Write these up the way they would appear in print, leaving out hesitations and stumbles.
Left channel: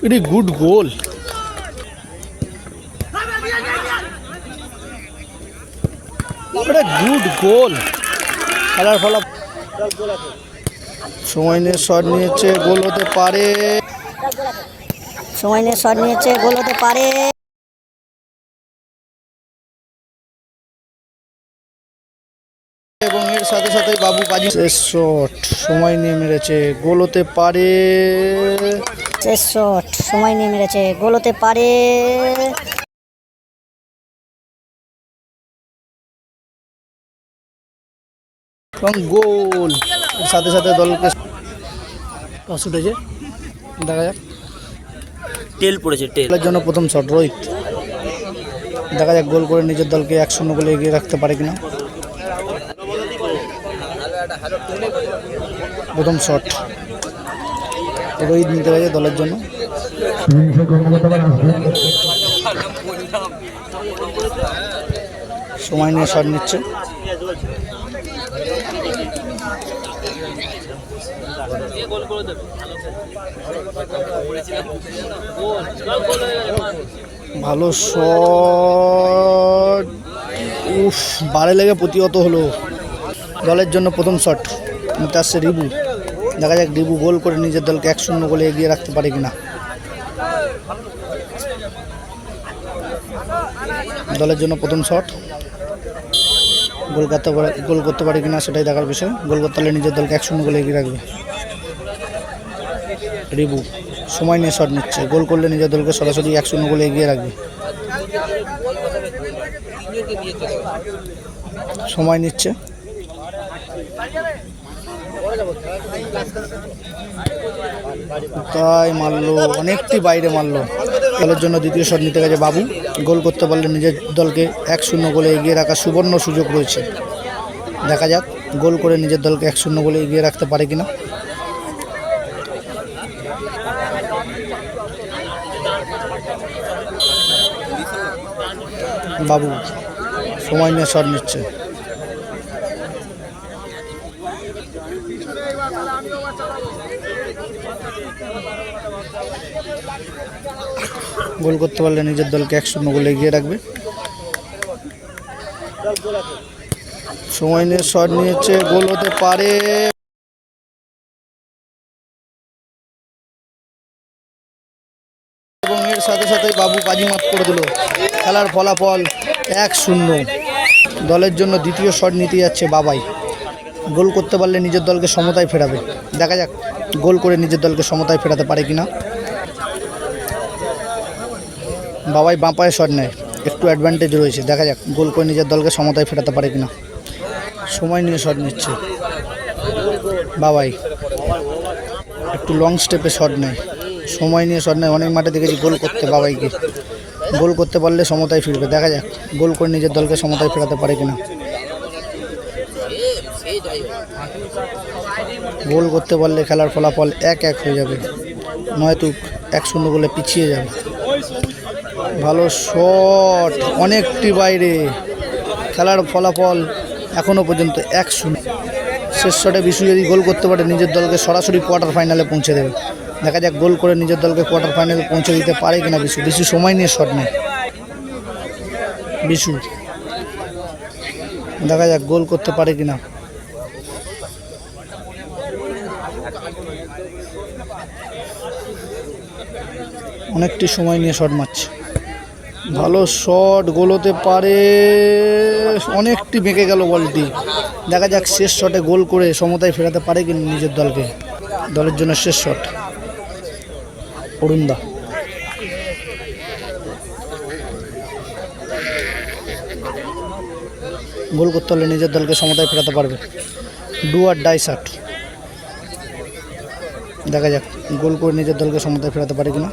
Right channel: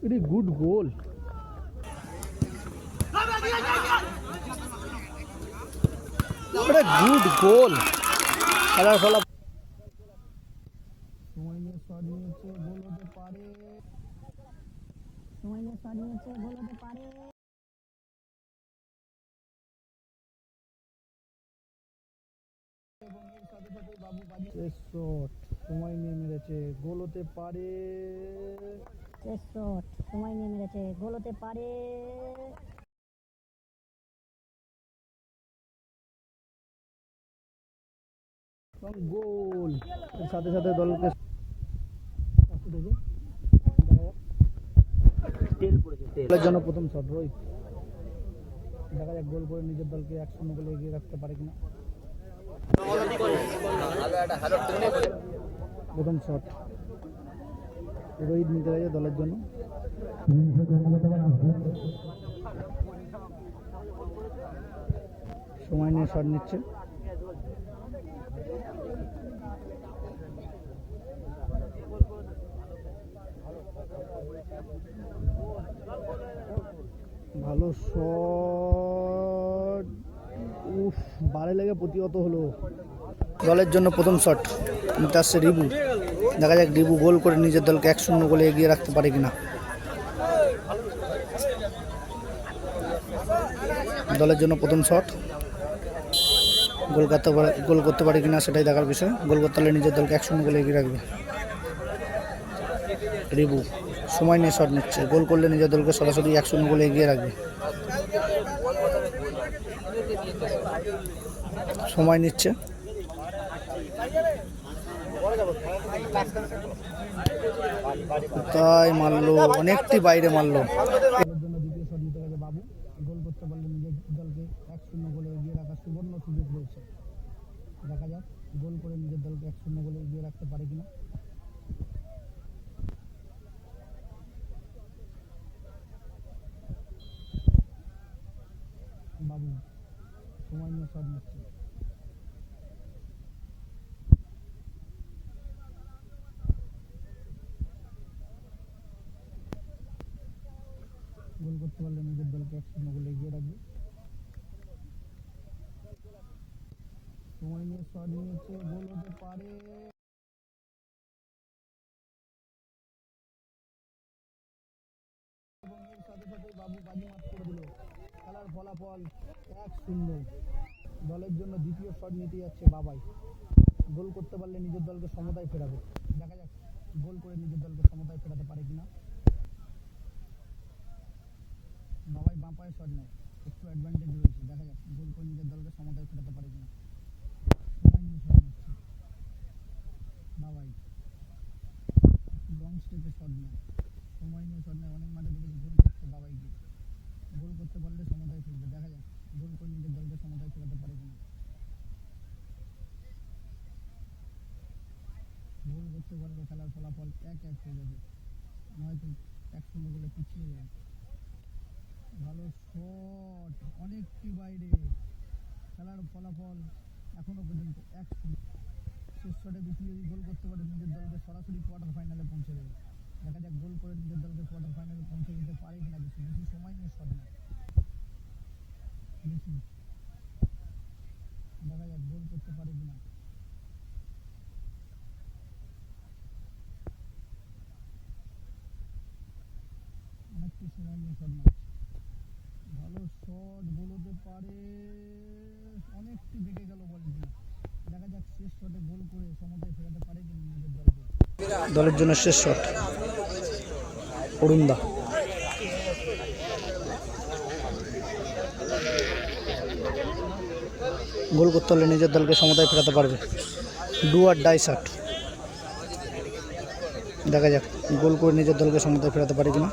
Pretty good goal. Good গোল। খেলার ফলাফল সময় নিয়ে শট নিয়েছে, গোল হতে পারে। সময় নিয়ে শট নিয়েছে, গোল হতে পারে। এবং এর সাথে সাথে বাবু বাজি। শেষ শট সময় নিয়ে মেরেছে, গোল হতে পারে। শেষ শট সময় নিয়ে মেরেছে, গোল হতে পারে। এবং গোল। এর সাথে সাথে দলকে টস উঠেছে, দেখা যাক। টেল পড়েছে, টেলের জন্য প্রথম শট রোহিত। দেখা যাক গোল করে নিজের দলকে 1-0 গোলে এগিয়ে রাখতে পারে কিনা। প্রথম শট রোহিত নিতে গেছে দলের জন্য। সময় নিয়ে শট নিচ্ছে। ভালো শট, উফ, বারে লেগে প্রতিহত হলো। দলের জন্য প্রথম শট নিতে আসছে রিবু। দেখা যাক রিবু গোল করে নিজের দলকে 1-0 গোলে এগিয়ে রাখতে পারে কিনা। দলের জন্য প্রথম শট, গোল করতে পারে কিনা সেটাই দেখার বিষয়। গোল করতে হলে নিজের দলকে 1-0 গোলে এগিয়ে রাখবে রিবু। সময় নিয়ে শট নিচ্ছে, গোল করলে নিজের দলকে সরাসরি 1-0 গোলে এগিয়ে রাখবে। সময় নিচ্ছে, তাই মারলো, অনেকটি বাইরে মারলো। দলের জন্য দ্বিতীয় শট নিতে গেছে বাবু। গোল করতে পারলে নিজের দলকে 1-0 গোলে এগিয়ে রাখার সুবর্ণ সুযোগ রয়েছে। দেখা যাক গোল করে নিজের দলকে 1-0 গোলে এগিয়ে রাখতে পারে কিনা। বাবু সময় নিয়ে শট নিচ্ছে, গোল করতে পারলে নিজের দলকে 1-0 গোলে এগিয়ে রাখবে। সময় নিয়ে শট নিয়েছে, গোল হতে পারে। এবং এর সাথে সাথে বাবু বাজিমাত করে দিল। খেলার ফলাফল 1-0। দলের জন্য দ্বিতীয় শট নিতে যাচ্ছে বাবাই। গোল করতে পারলে নিজের দলকে সমতায় ফেরাবে। দেখা যাক গোল করে নিজের দলকে সমতায় ফেরাতে পারে কিনা। বাবাই বাঁ পায়ে শট নেয়, একটু অ্যাডভান্টেজ রয়েছে। দেখা যাক গোল করে নিজের দলকে সমতায় ফেরাতে পারে কিনা। সময় নিয়ে শট নিচ্ছে বাবাই, একটু লং স্টেপে শট নেয়। সময় নিয়ে শট নেয়, অনেক মাঠে দেখেছি গোল করতে বাবাইকে। গোল করতে পারলে সমতায় ফিরবে। দেখা যাক গোল করে নিজের দলকে সমতায় ফেরাতে পারে কিনা। গোল করতে পারলে খেলার ফলাফল 1-1 হয়ে যাবে, নয়তো 1-0 গোলে পিছিয়ে যাবে। ভালো শট, অনেকটি বাইরে। খেলার ফলাফল এখনও পর্যন্ত 1-0। শেষ শটে বিশু যদি গোল করতে পারে নিজের দলকে সরাসরি কোয়ার্টার ফাইনালে পৌঁছে দেবে। দেখা যাক গোল করে নিজের দলকে কোয়ার্টার ফাইনালে পৌঁছে দিতে পারে কিনা বিশু। সময় নিয়ে শট নেয় বিশু। দেখা যাক গোল করতে পারে কিনা। অনেকটি সময় নিয়ে শট মারছে। ভালো শট, গোল হতে পারে। অনেকটি বেঁকে গেল বলটি। দেখা যাক শেষ শটে গোল করে সমতায় ফেরাতে পারে কিনা নিজের দলকে। দলের জন্য শেষ শট অরুণদা। গোল করতে হলে নিজের দলকে সমতায় ফেরাতে পারবে। Do or die shot. দেখা যাক গোল করে নিজের দলকে সমতায় ফেরাতে পারে কিনা।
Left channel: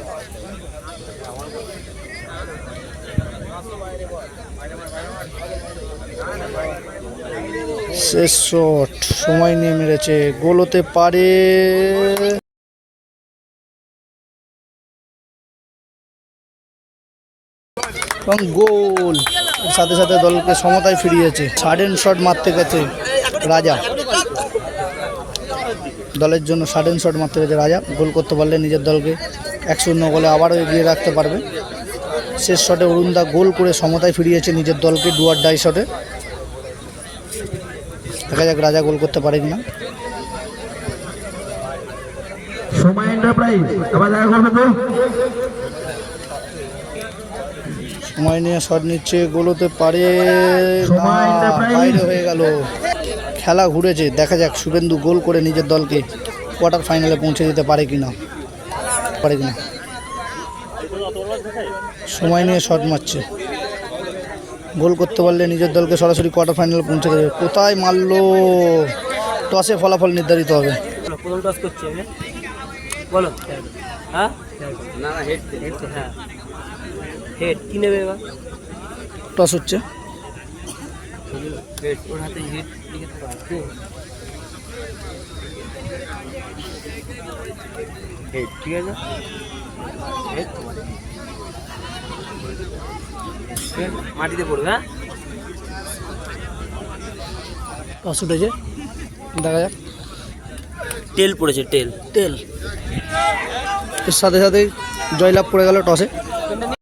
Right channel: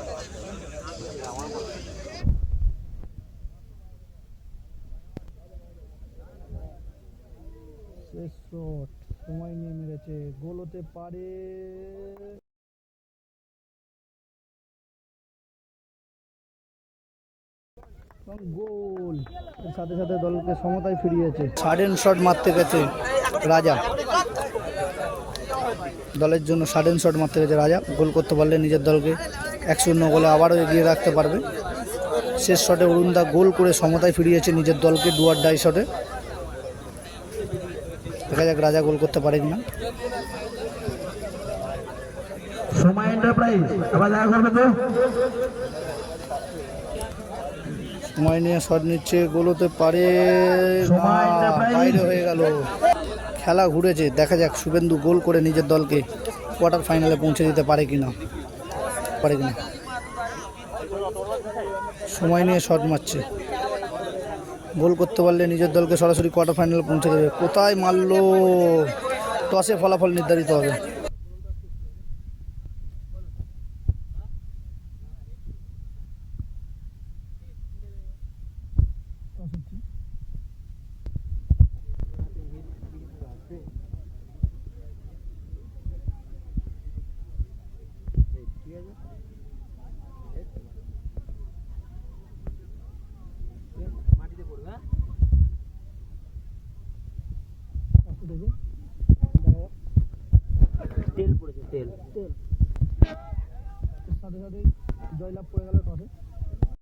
শেষ শট সময় নিয়ে মেরেছে, গোল হতে পারে। এবং গোল। সাথে সাথে দলকে সমতায় ফিরিয়েছে। সাডেন শট মারতে গেছে রাজা। দলের জন্য সাডেন শট মারতে পেরেছে রাজা। গোল করতে পারলে নিজের দলকে 1-0 গোলে আবারও এগিয়ে রাখতে পারবে। শেষ শটে অরুণদা গোল করে সমতায় ফিরিয়েছে নিজের দলকে ডু অর ডাই শটে। দেখা যাক রাজা গোল করতে পারে কিনা। সময় এন্টারপ্রাইজ আবার দেখা করবে তো। সময় নিয়ে শট নিচ্ছে, গোল হতে পারে না, সময় এন্টারপ্রাইজ। বাইরে হয়ে গেল। খেলা ঘুরেছে, দেখা যাক শুভেন্দু গোল করে নিজের দলকে কোয়ার্টার ফাইনালে পৌঁছে দিতে পারে কিনা। সময় নিয়ে শট মারছে, গোল করতে পারলে নিজের দলকে সরাসরি কোয়ার্টার ফাইনালে পৌঁছে দেবে। কোথায় মারলো? টসে ফলাফল নির্ধারিত হবে। প্রথম টস করছি আমি, বলো। হ্যাঁ না না হেড হেড, হ্যাঁ হেড কি নেবে এবার? টস হচ্ছে, হেড, ওর হাতে হেড লিখে থাকবে। হেড, ঠিক আছে হেড, মাটিতে পড়বে। হ্যাঁ টস উঠেছে, দেখা যাক। টেল পড়েছে, টেল। তেল এর সাথে সাথে জয়লাভ করে গেল টসে।